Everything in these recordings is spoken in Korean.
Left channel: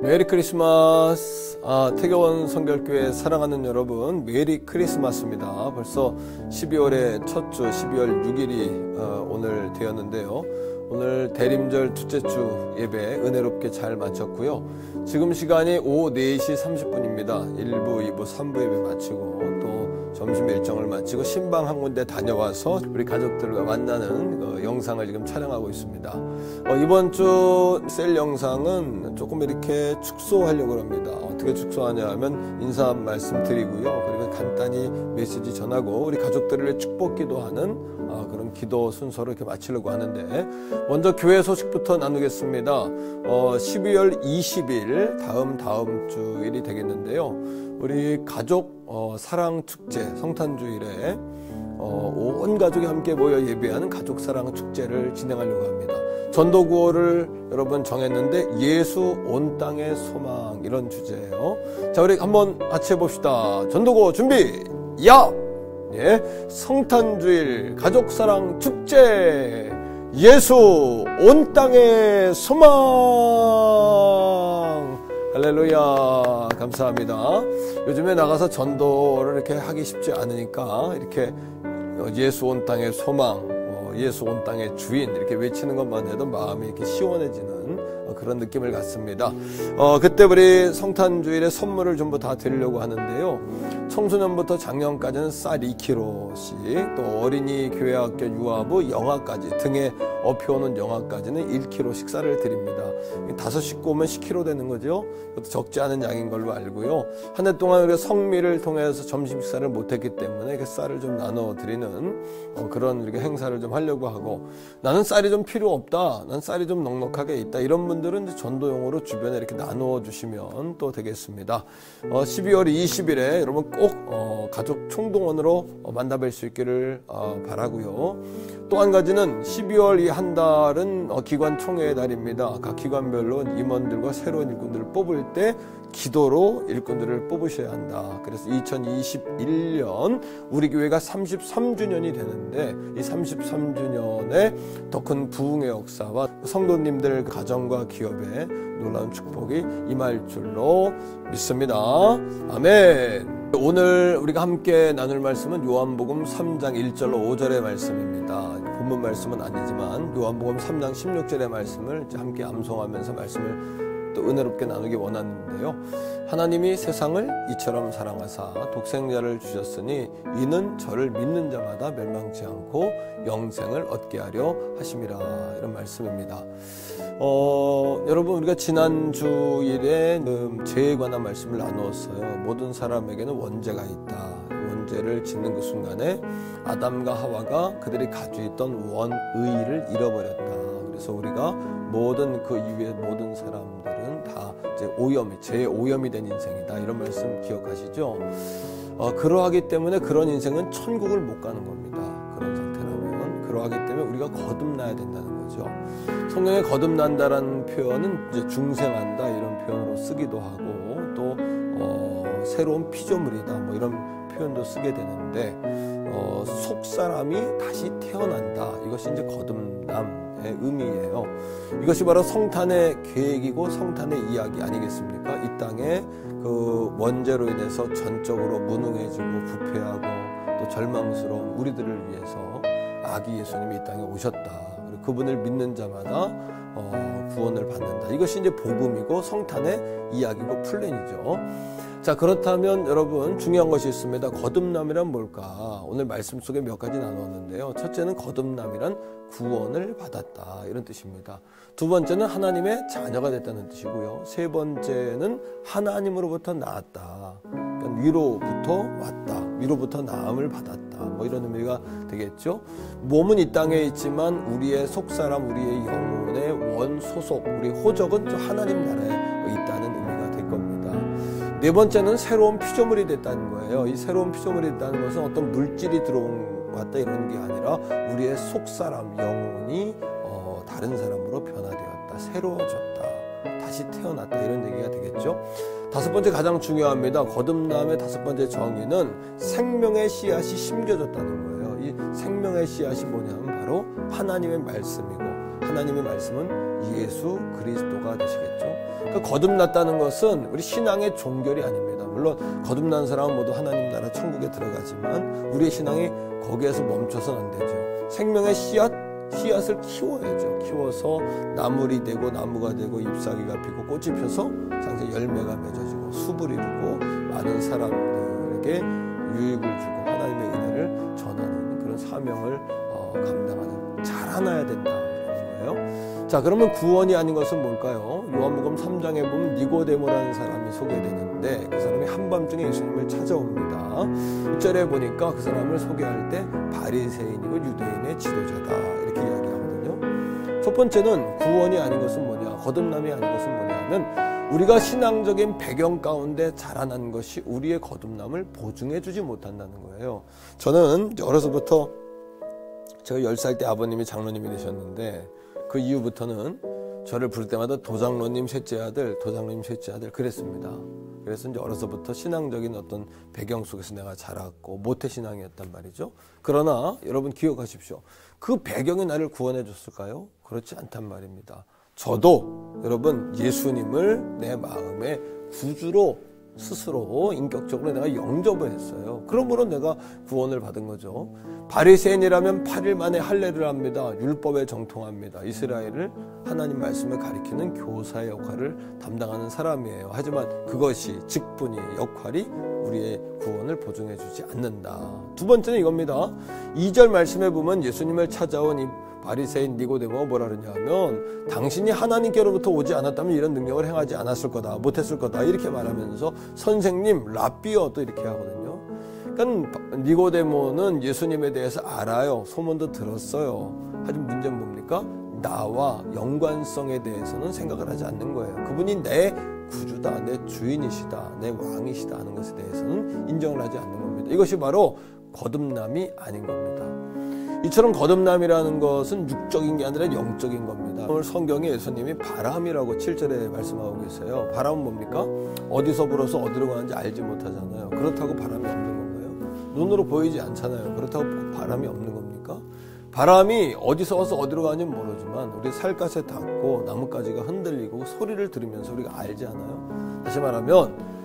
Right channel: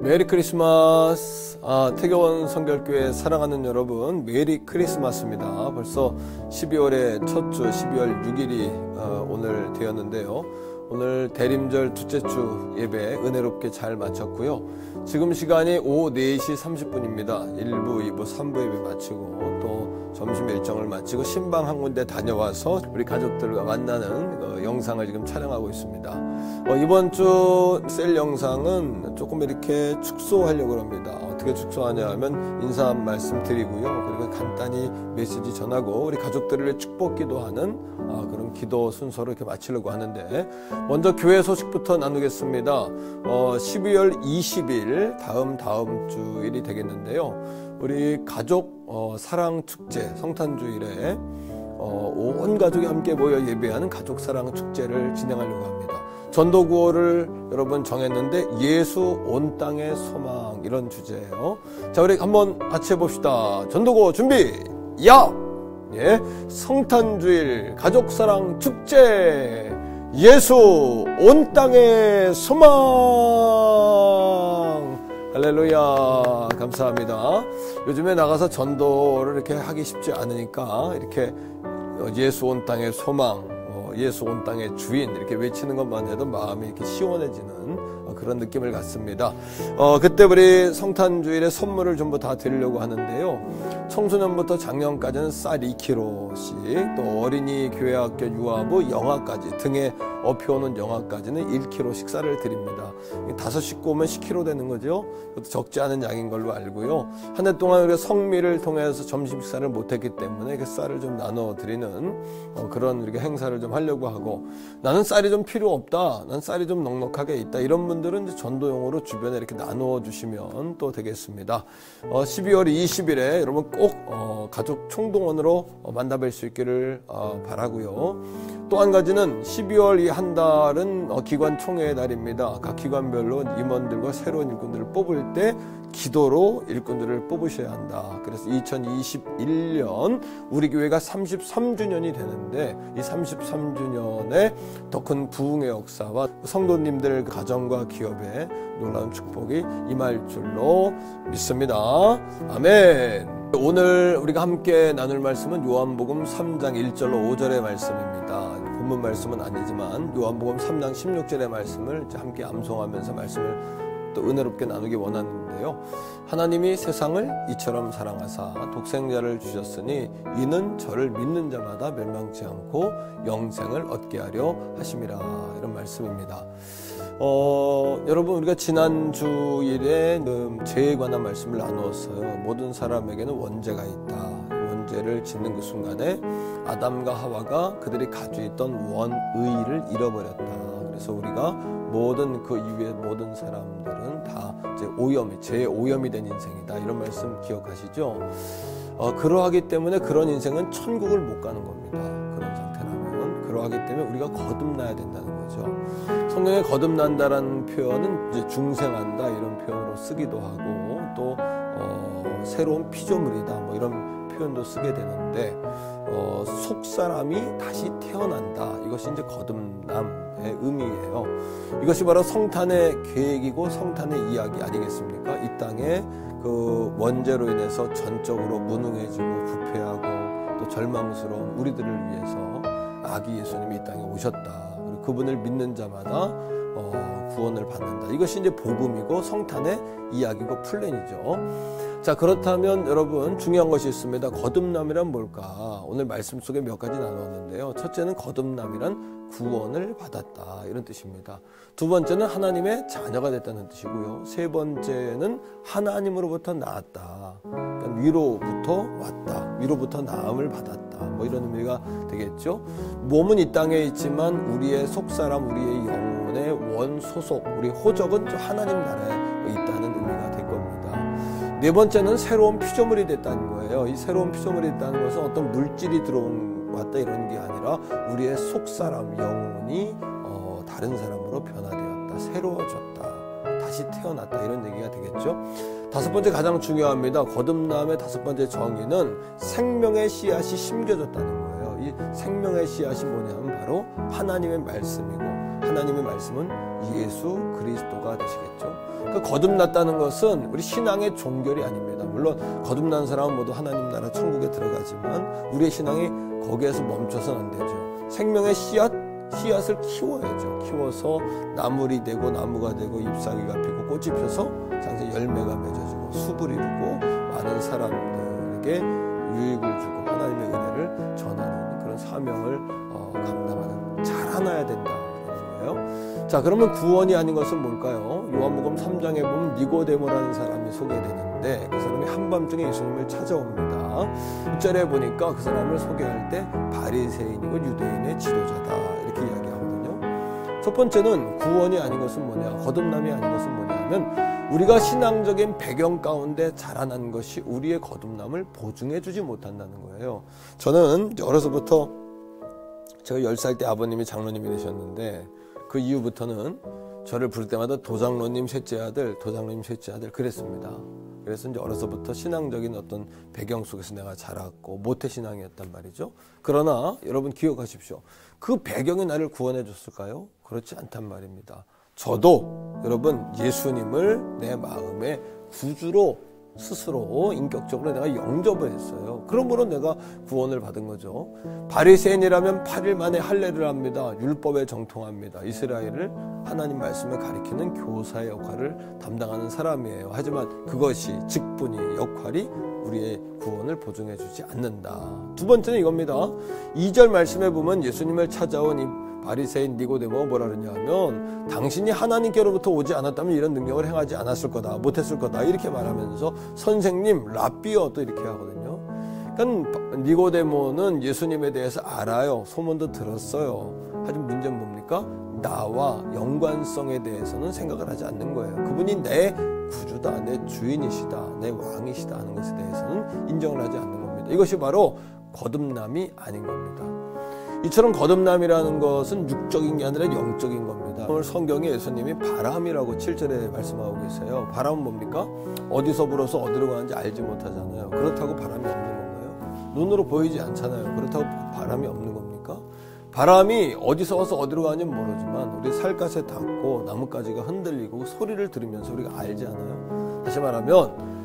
메리 크리스마스. 태교원 성결교회 사랑하는 여러분, 메리 크리스마스입니다. 벌써 12월의 첫 주 12월 6일이 오늘 되었는데요. 오늘 대림절 둘째 주 예배 은혜롭게 잘 마쳤고요. 지금 시간이 오후 4시 30분입니다. 1부, 2부, 3부 예배 마치고 또 점심 일정을 마치고 신방 한 군데 다녀와서 우리 가족들과 만나는 영상을 지금 촬영하고 있습니다. 이번 주 셀 영상은 조금 이렇게 축소하려고 합니다. 어떻게 축소하냐 하면 인사 말씀 드리고요. 그리고 간단히 메시지 전하고 우리 가족들을 축복 기도하는 그런 기도 순서로 이렇게 마치려고 하는데, 먼저 교회 소식부터 나누겠습니다. 12월 20일 다음 주일이 되겠는데요. 우리 가족 사랑 축제 성탄주일에 온 가족이 함께 모여 예배하는 가족 사랑 축제를 진행하려고 합니다. 전도 구호를 여러분 정했는데 예수 온 땅의 소망, 이런 주제예요. 자, 우리 한번 같이 해봅시다. 전도 구호 준비, 야! 예, 성탄주일 가족사랑 축제, 예수 온 땅의 소망. 할렐루야, 감사합니다. 요즘에 나가서 전도를 이렇게 하기 쉽지 않으니까 이렇게 예수 온 땅의 소망, 예수 온 땅의 주인 이렇게 외치는 것만 해도 마음이 이렇게 시원해지는 그런 느낌을 갖습니다. 그때 우리 성탄주일에 선물을 전부 다 드리려고 하는데요. 청소년부터 작년까지는 쌀 2kg씩, 또 어린이 교회학교 유아부 영아까지 등에 업혀오는 영아까지는 1kg씩 쌀을 드립니다. 5 식구 오면 10kg 되는 거죠. 그것도 적지 않은 양인 걸로 알고요. 한 해 동안 우리가 성미를 통해서 점심 식사를 못했기 때문에 쌀을 좀 나눠 드리는 그런 우리가 행사를 좀 하려고 하고, 나는 쌀이 좀 필요 없다, 난 쌀이 좀 넉넉하게 있다, 이런 분들은 이제 전도용으로 주변에 이렇게 나누어 주시면 또 되겠습니다. 12월 20일에 여러분 꼭 가족 총동원으로 만나뵐 수 있기를 바라고요. 또 한 가지는 12월 이 한 달은 기관 총회의 달입니다. 각 기관별로 임원들과 새로운 일꾼들을 뽑을 때 기도로 일꾼들을 뽑으셔야 한다. 그래서 2021년 우리 교회가 33주년이 되는데, 이 33주년에 더 큰 부흥의 역사와 성도님들 가정과 기업에 놀라운 축복이 임할 줄로 믿습니다. 아멘. 오늘 우리가 함께 나눌 말씀은 요한복음 3장 1절로 5절의 말씀입니다. 본문 말씀은 아니지만 요한복음 3장 16절의 말씀을 함께 암송하면서 말씀을 또 은혜롭게 나누기 원하는데요. 하나님이 세상을 이처럼 사랑하사 독생자를 주셨으니 이는 저를 믿는 자마다 멸망치 않고 영생을 얻게 하려 하심이라, 이런 말씀입니다. 여러분, 우리가 지난 주일에 죄에 관한 말씀을 나누었어요. 모든 사람에게는 원죄가 있다. 원죄를 짓는 그 순간에 아담과 하와가 그들이 가지고 있던 원의를 잃어버렸다. 그래서 우리가 모든 그 이후의 모든 사람들은 다 이제 죄의 오염이 된 인생이다, 이런 말씀 기억하시죠? 그러하기 때문에 그런 인생은 천국을 못 가는 겁니다. 그런 상태라면. 그러하기 때문에 우리가 거듭나야 된다는 거죠. 성경에 거듭난다라는 표현은 이제 중생한다, 이런 표현으로 쓰기도 하고, 또 새로운 피조물이다, 뭐 이런 표현도 쓰게 되는데, 속사람이 다시 태어난다, 이것이 이제 거듭남의 의미예요. 이것이 바로 성탄의 계획이고 성탄의 이야기 아니겠습니까? 이 땅에 그 원죄로 인해서 전적으로 무능해지고 부패하고 또 절망스러운 우리들을 위해서 아기 예수님이 이 땅에 오셨다. 그리고 그분을 믿는 자마다 구원을 받는다. 이것이 이제 복음이고 성탄의 이야기고 플랜이죠. 자, 그렇다면 여러분, 중요한 것이 있습니다. 거듭남이란 뭘까? 오늘 말씀 속에 몇 가지 나누었는데요. 첫째는 거듭남이란 구원을 받았다, 이런 뜻입니다. 두 번째는 하나님의 자녀가 됐다는 뜻이고요. 세 번째는 하나님으로부터 나았다. 그러니까 위로부터 왔다, 위로부터 나음을 받았다, 뭐 이런 의미가 되겠죠. 몸은 이 땅에 있지만 우리의 속사람, 우리의 영혼의 원소속, 우리 호적은 하나님 나라에 있다는 의미가 될 겁니다. 네 번째는 새로운 피조물이 됐다는 거예요. 이 새로운 피조물이 됐다는 것은 어떤 물질이 들어왔다 이런 게 아니라 우리의 속사람, 영혼이 다른 사람으로 변화되었다, 새로워졌다, 다시 태어났다, 이런 얘기가 되겠죠. 다섯 번째, 가장 중요합니다. 거듭남의 다섯 번째 정의는 생명의 씨앗이 심겨졌다는 거예요. 이 생명의 씨앗이 뭐냐면 바로 하나님의 말씀이고, 하나님의 말씀은 예수 그리스도가 되시겠죠. 그러니까 거듭났다는 것은 우리 신앙의 종결이 아닙니다. 물론 거듭난 사람은 모두 하나님 나라 천국에 들어가지만 우리의 신앙이 거기에서 멈춰서는 안 되죠. 생명의 씨앗을 키워야죠. 키워서 나물이 되고 나무가 되고 잎사귀가 피고 꽃이 펴서 장세 열매가 맺어지고 숲을 이루고 많은 사람들에게 유익을 주고 하나님의 은혜를 전하는 그런 사명을 감당하는 자라나야 된다라는 거예요. 자, 그러면 구원이 아닌 것은 뭘까요? 요한복음 3장에 보면 니고데모라는 사람이 소개되는데 그 사람이 한밤중에 예수님을 찾아옵니다. 1절에 보니까 그 사람을 소개할 때 바리새인이고 유대인의 지도자다 이렇게 이야기하거든요. 첫 번째는 구원이 아닌 것은 뭐냐, 거듭남이 아닌 것은 뭐냐 하면 우리가 신앙적인 배경 가운데 자라난 것이 우리의 거듭남을 보증해 주지 못한다는 거예요. 저는 어려서부터 제가 10살 때 아버님이 장로님이 되셨는데 그 이후부터는 저를 부를 때마다 도장로님 셋째 아들 그랬습니다. 그래서 이제 어려서부터 신앙적인 어떤 배경 속에서 내가 자랐고 모태신앙이었단 말이죠. 그러나 여러분 기억하십시오. 그 배경이 나를 구원해 줬을까요? 그렇지 않단 말입니다. 저도 여러분 예수님을 내 마음의 구주로 스스로 인격적으로 내가 영접을 했어요. 그러므로 내가 구원을 받은 거죠. 바리새인이라면 8일 만에 할례를 합니다. 율법에 정통합니다. 이스라엘을 하나님 말씀을 가리키는 교사의 역할을 담당하는 사람이에요. 하지만 그것이 직분이 역할이 우리의 구원을 보증해 주지 않는다. 두 번째는 이겁니다. 2절 말씀에 보면 예수님을 찾아온 이 바리새인 니고데모가 뭐라 그러냐 하면 당신이 하나님께로부터 오지 않았다면 이런 능력을 행하지 않았을 거다, 못했을 거다 이렇게 말하면서 선생님, 랍비어 또 이렇게 하거든요. 그러니까 니고데모는 예수님에 대해서 알아요. 소문도 들었어요. 하지만 문제는 뭡니까? 나와 연관성에 대해서는 생각을 하지 않는 거예요. 그분이 내 구주다, 내 주인이시다, 내 왕이시다 하는 것에 대해서는 인정을 하지 않는 겁니다. 이것이 바로 거듭남이 아닌 겁니다. 이처럼 거듭남이라는 것은 육적인 게 아니라 영적인 겁니다. 오늘 성경에 예수님이 바람이라고 7절에 말씀하고 계세요. 바람은 뭡니까? 어디서 불어서 어디로 가는지 알지 못하잖아요. 그렇다고 바람이 없는 건가요? 눈으로 보이지 않잖아요. 그렇다고 바람이 없는 겁니까? 바람이 어디서 와서 어디로 가는지 모르지만 우리 살갗에 닿고 나뭇가지가 흔들리고 소리를 들으면서 우리가 알지 않아요? 다시 말하면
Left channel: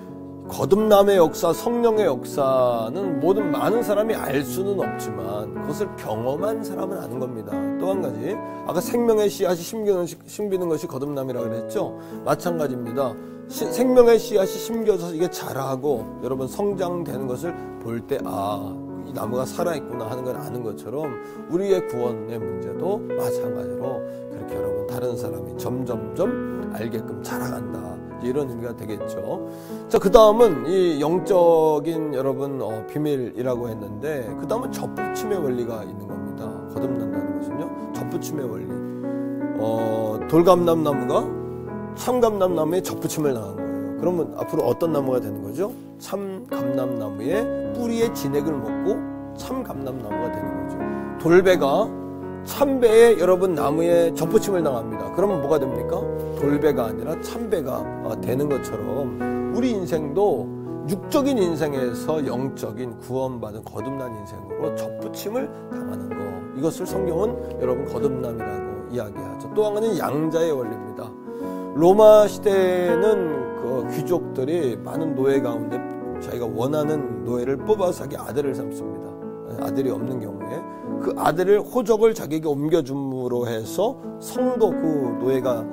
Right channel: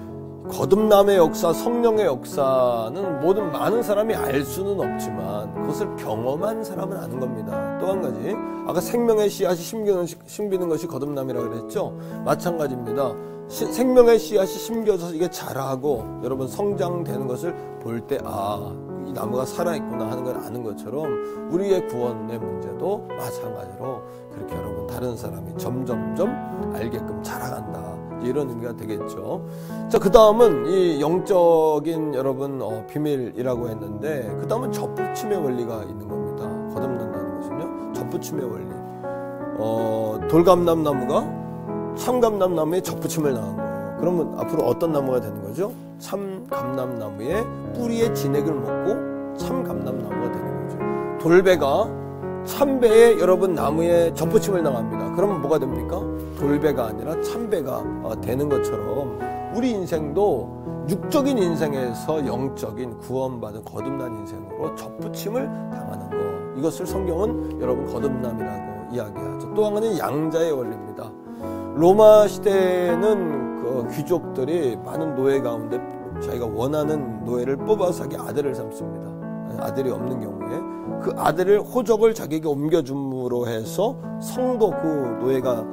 거듭남의 역사, 성령의 역사는 많은 사람이 알 수는 없지만 그것을 경험한 사람은 아는 겁니다. 또 한 가지, 아까 생명의 씨앗이 심기는 것이 거듭남이라고 그랬죠? 마찬가지입니다. 생명의 씨앗이 심겨져서 이게 자라고 여러분 성장되는 것을 볼 때 이 나무가 살아있구나 하는 걸 아는 것처럼 우리의 구원의 문제도 마찬가지로 그렇게 여러분 다른 사람이 점점점 알게끔 자라간다. 이런 의미가 되겠죠. 자, 그 다음은 이 영적인 여러분 비밀이라고 했는데 그 다음은 접붙임의 원리가 있는 겁니다. 거듭난다는 것은요. 접붙임의 원리. 돌감람나무가 참감람나무에 접붙임을 당한 거예요. 그러면 앞으로 어떤 나무가 되는 거죠? 참감람나무의 뿌리의 진액을 먹고 참감람나무가 되는 거죠. 돌배가 참배에 여러분 나무에 접붙임을 당합니다. 그러면 뭐가 됩니까? 돌배가 아니라 참배가 되는 것처럼 우리 인생도 육적인 인생에서 영적인 구원받은 거듭난 인생으로 접붙임을 당하는 거. 이것을 성경은 여러분 거듭남이라고 이야기하죠. 또 하나는 양자의 원리입니다. 로마 시대에는 그 귀족들이 많은 노예 가운데 자기가 원하는 노예를 뽑아서 자기 아들을 삼습니다. 아들이 없는 경우에 그 아들을 호적을 자기에게 옮겨줌으로 해서 성도 그 노예가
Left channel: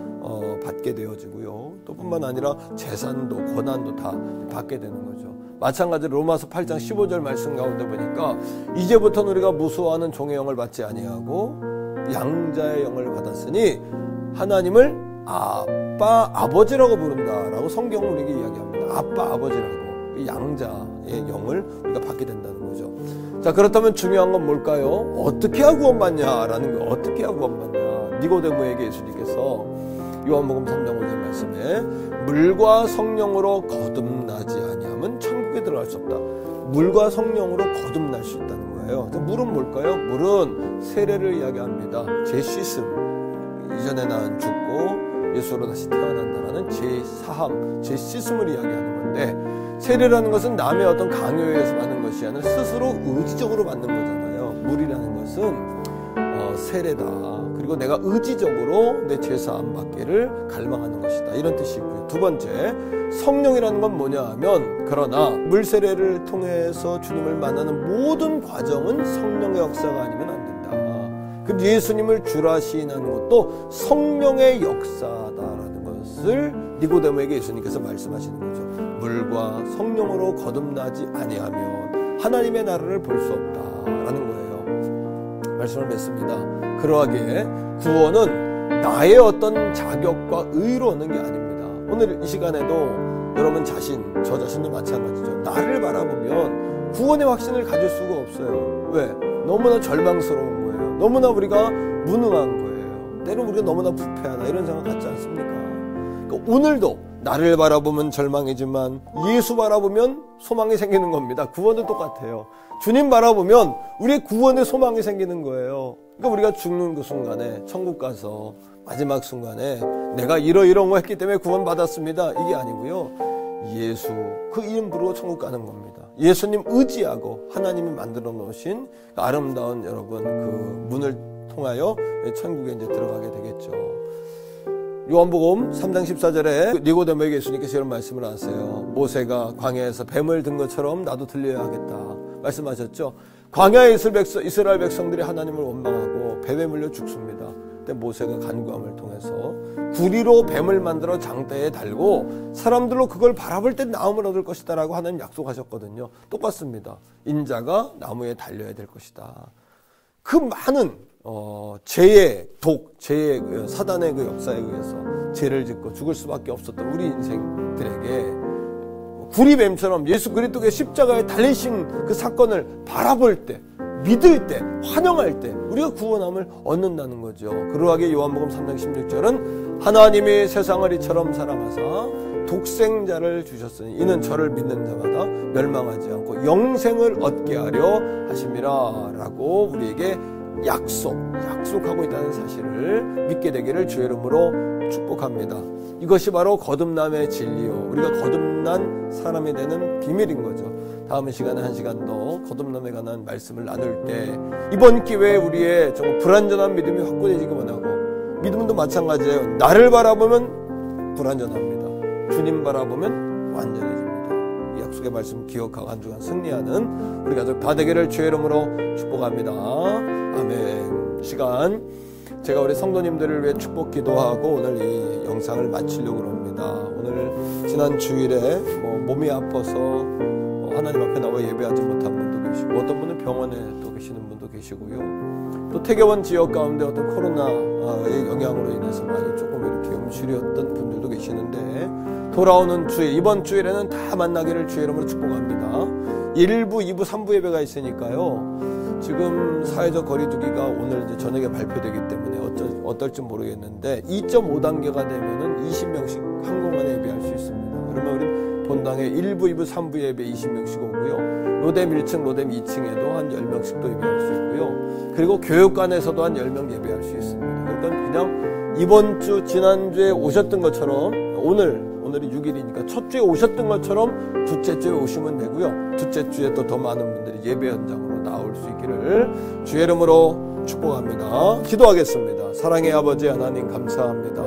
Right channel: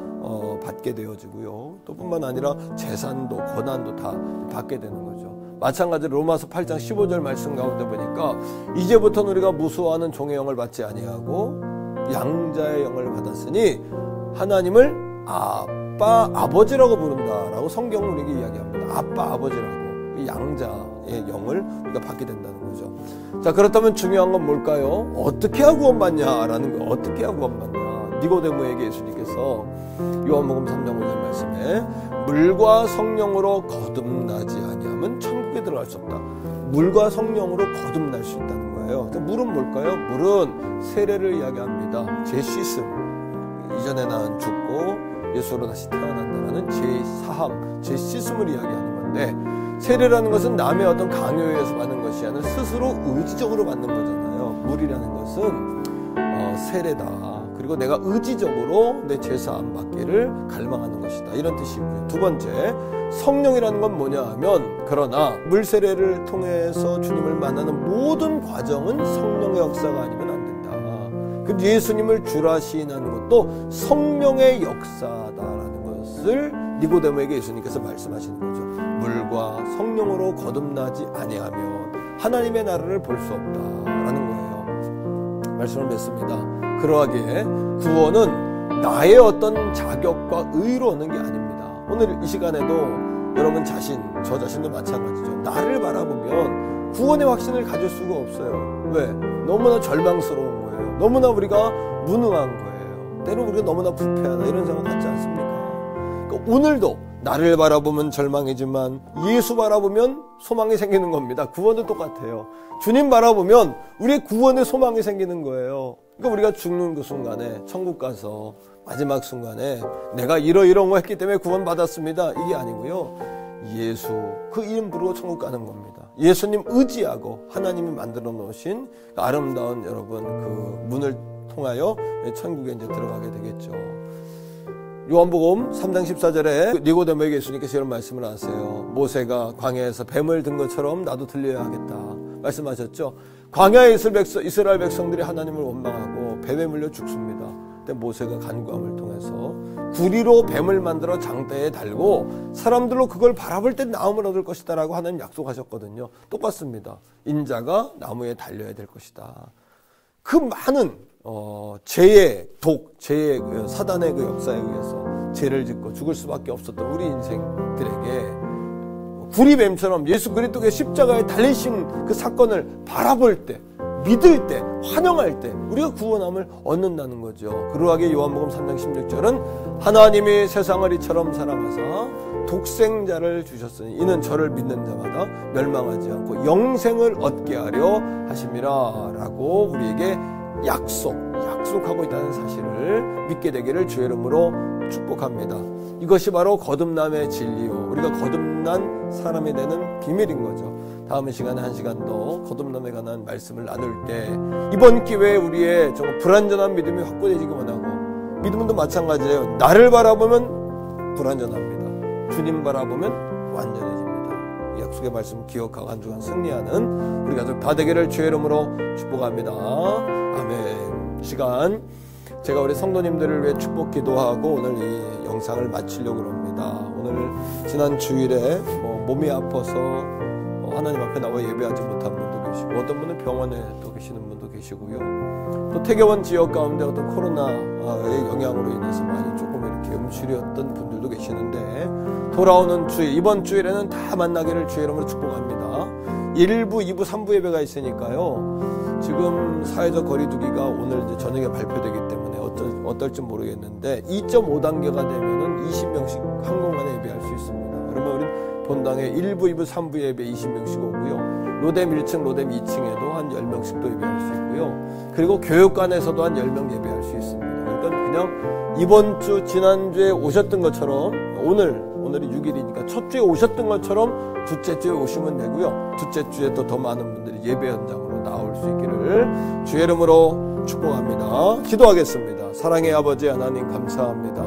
받게 되어지고요. 또 뿐만 아니라 재산도 권한도 다 받게 되는 거죠. 마찬가지로 로마서 8장 15절 말씀 가운데 보니까 이제부터는 우리가 무수하는 종의 영을 받지 아니하고 양자의 영을 받았으니 하나님을 아빠 아버지라고 부른다라고 성경은 우리에게 이야기합니다. 아빠 아버지라고 양자의 영을 우리가 받게 된다는 거죠. 자, 그렇다면 중요한 건 뭘까요? 어떻게 하고 구원받냐라는 거. 어떻게 하고 구원받냐. 니고데모에게 예수님께서 요한복음 3장 5절 말씀에 물과 성령으로 거듭나지 아니하면 천국에 들어갈 수 없다. 물과 성령으로 거듭날 수 있다는 거예요. 물은 뭘까요? 물은 세례를 이야기합니다. 재씻음. 이전에 난 죽고 예수로 다시 태어난다라는 재사함, 재씻음을 이야기하는 건데 세례라는 것은 남의 어떤 강요에 의해서 받는 것이 아니라 스스로 의지적으로 받는 거잖아요. 물이라는 것은 세례다. 그리고 그리고 내가 의지적으로 내 죄사함 받기를 갈망하는 것이다. 이런 뜻이고요. 두 번째, 성령이라는 건 뭐냐 하면, 그러나 물세례를 통해서 주님을 만나는 모든 과정은 성령의 역사가 아니면 안 된다. 그 예수님을 주라 시인하는 것도 성령의 역사다라는 것을 니고데모에게 예수님께서 말씀하시는 거죠. 물과 성령으로 거듭나지 아니하면 하나님의 나라를 볼 수 없다라는 거예요. 말씀을 맺습니다. 그러하기에 구원은 나의 어떤 자격과 의로 얻는 게 아닙니다. 오늘 이 시간에도 여러분 자신, 저 자신도 마찬가지죠. 나를 바라보면 구원의 확신을 가질 수가 없어요. 왜? 너무나 절망스러운 거예요. 너무나 우리가 무능한 거예요. 때로 우리가 너무나 부패하다 이런 생각 갖지 않습니까? 그러니까 오늘도 나를 바라보면 절망이지만 예수 바라보면 소망이 생기는 겁니다. 구원도 똑같아요. 주님 바라보면 우리의 구원의 소망이 생기는 거예요. 그러니까 우리가 죽는 그 순간에 천국 가서 마지막 순간에 내가 이런 거 했기 때문에 구원 받았습니다. 이게 아니고요. 예수 그 이름 부르고 천국 가는 겁니다. 예수님 의지하고 하나님이 만들어 놓으신 그 아름다운 여러분 그 문을 통하여 천국에 이제 들어가게 되겠죠. 요한복음 3장 14절에 니고데모에게 예수님께서 이런 말씀을 하세요. 모세가 광야에서 뱀을 든 것처럼 나도 들려야 하겠다 말씀하셨죠. 광야에 있을 이스라엘 백성들이 하나님을 원망하고 뱀에 물려 죽습니다. 그때 모세가 간구함을 통해서 구리로 뱀을 만들어 장대에 달고 사람들로 그걸 바라볼 때 나음을 얻을 것이다 라고 하나님 약속하셨거든요. 똑같습니다. 인자가 나무에 달려야 될 것이다. 그 많은 죄의 사단의 그 역사에 의해서 죄를 짓고 죽을 수밖에 없었던 우리 인생들에게 구리뱀처럼 예수 그리스도의 십자가에 달리신 그 사건을 바라볼 때, 믿을 때, 환영할 때 우리가 구원함을 얻는다는 거죠. 그러하게 요한복음 3장 16절은 하나님이 세상을 이처럼 사랑하사 독생자를 주셨으니 이는 저를 믿는 자마다 멸망하지 않고 영생을 얻게 하려 하심이라 라고 우리에게 약속하고 있다는 사실을 믿게 되기를 주의 이름으로 축복합니다. 이것이 바로 거듭남의 진리요, 우리가 거듭난 사람이 되는 비밀인 거죠. 다음 시간에 한 시간 더 거듭남에 관한 말씀을 나눌 때 이번 기회에 우리의 정말 불완전한 믿음이 확고해지기 원하고, 믿음도 마찬가지예요. 나를 바라보면 불완전합니다. 주님 바라보면 완전해집니다. 이 약속의 말씀 기억하고 한 주간 승리하는 우리 가족 다 되기를 주의 이름으로 축복합니다. 아멘. 시간 제가 우리 성도님들을 위해 축복 기도하고 오늘 이 영상을 마치려고 합니다. 오늘 지난 주일에 몸이 아파서 하나님 앞에 나와 예배하지 못한 분도 계시고, 어떤 분은 병원에 또 계시는 분도 계시고요. 또 태교원 지역 가운데 어떤 코로나의 영향으로 인해서 많이 조금 이렇게 음출이었던 분들도 계시는데, 돌아오는 주일, 이번 주일에는 다 만나기를 주의 이름으로 축복합니다. 1부, 2부, 3부 예배가 있으니까요. 지금 사회적 거리두기가 오늘 이제 저녁에 발표되기 때문에 어떨지 모르겠는데 2.5단계가 되면은 20명씩 한 공간에 예배할 수 있습니다. 그러면 우린 본당에 1부, 2부, 3부 예배 20명씩 오고요. 로뎀 1층, 로뎀 2층에도 한 10명씩 또 예배할 수 있고요. 그리고 교육관에서도 한 10명 예배할 수 있습니다. 그러니까 그냥 이번 주, 지난주에 오셨던 것처럼 오늘이 6일이니까 첫 주에 오셨던 것처럼 둘째 주에 오시면 되고요. 둘째 주에 또 더 많은 분들이 예배 현장으로 나올 수 있기를 주의 이름으로 축복합니다. 기도하겠습니다. 사랑의 아버지 하나님 감사합니다.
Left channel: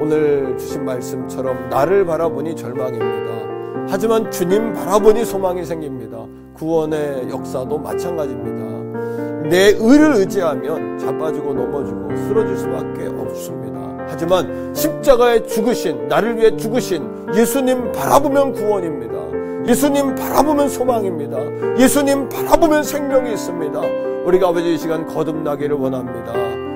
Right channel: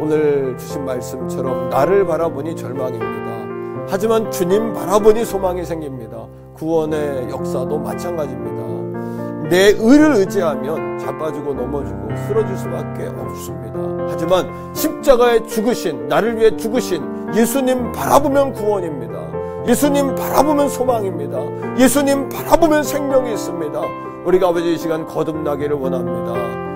오늘 주신 말씀처럼 나를 바라보니 절망입니다. 하지만 주님 바라보니 소망이 생깁니다. 구원의 역사도 마찬가지입니다. 내 의를 의지하면 자빠지고 넘어지고 쓰러질 수밖에 없습니다. 하지만 십자가에 죽으신, 나를 위해 죽으신 예수님 바라보면 구원입니다. 예수님 바라보면 소망입니다. 예수님 바라보면 생명이 있습니다. 우리가 아버지 이 시간 거듭나기를 원합니다.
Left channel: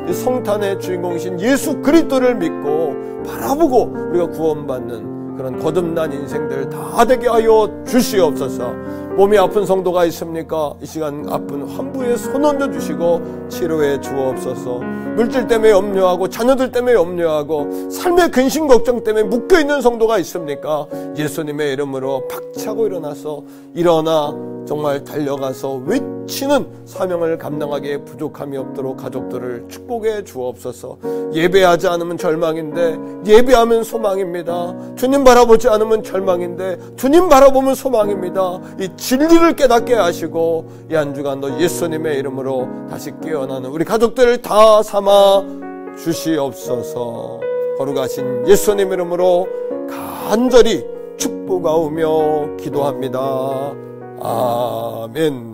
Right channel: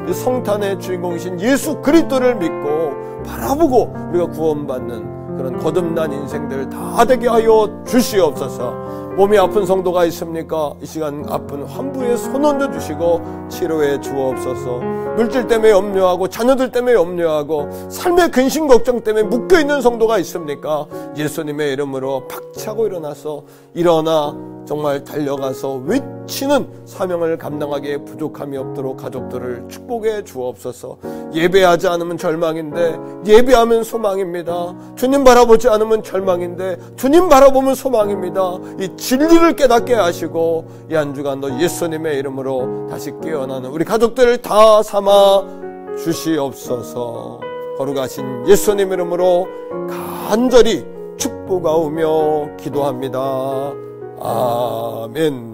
이 성탄의 주인공이신 예수 그리스도를 믿고 바라보고 우리가 구원받는 그런 거듭난 인생들 다 되게 하여 주시옵소서. 몸이 아픈 성도가 있습니까? 이 시간 아픈 환부에 손 얹어 주시고 치료해 주옵소서. 물질 때문에 염려하고 자녀들 때문에 염려하고 삶의 근심 걱정 때문에 묶여있는 성도가 있습니까? 예수님의 이름으로 박차고 일어나서 일어나 정말 달려가서 외치는 사명을 감당하기에 부족함이 없도록 가족들을 축복해 주옵소서. 예배하지 않으면 절망인데 예배하면 소망입니다. 주님 바라보지 않으면 절망인데 주님 바라보면 소망입니다. 이 진리를 깨닫게 하시고 이 한 주간도 예수님의 이름으로 다시 깨어나는 우리 가족들을 다 삼아 주시옵소서. 거룩하신 예수님 이름으로 간절히 축복하오며 기도합니다. 아멘.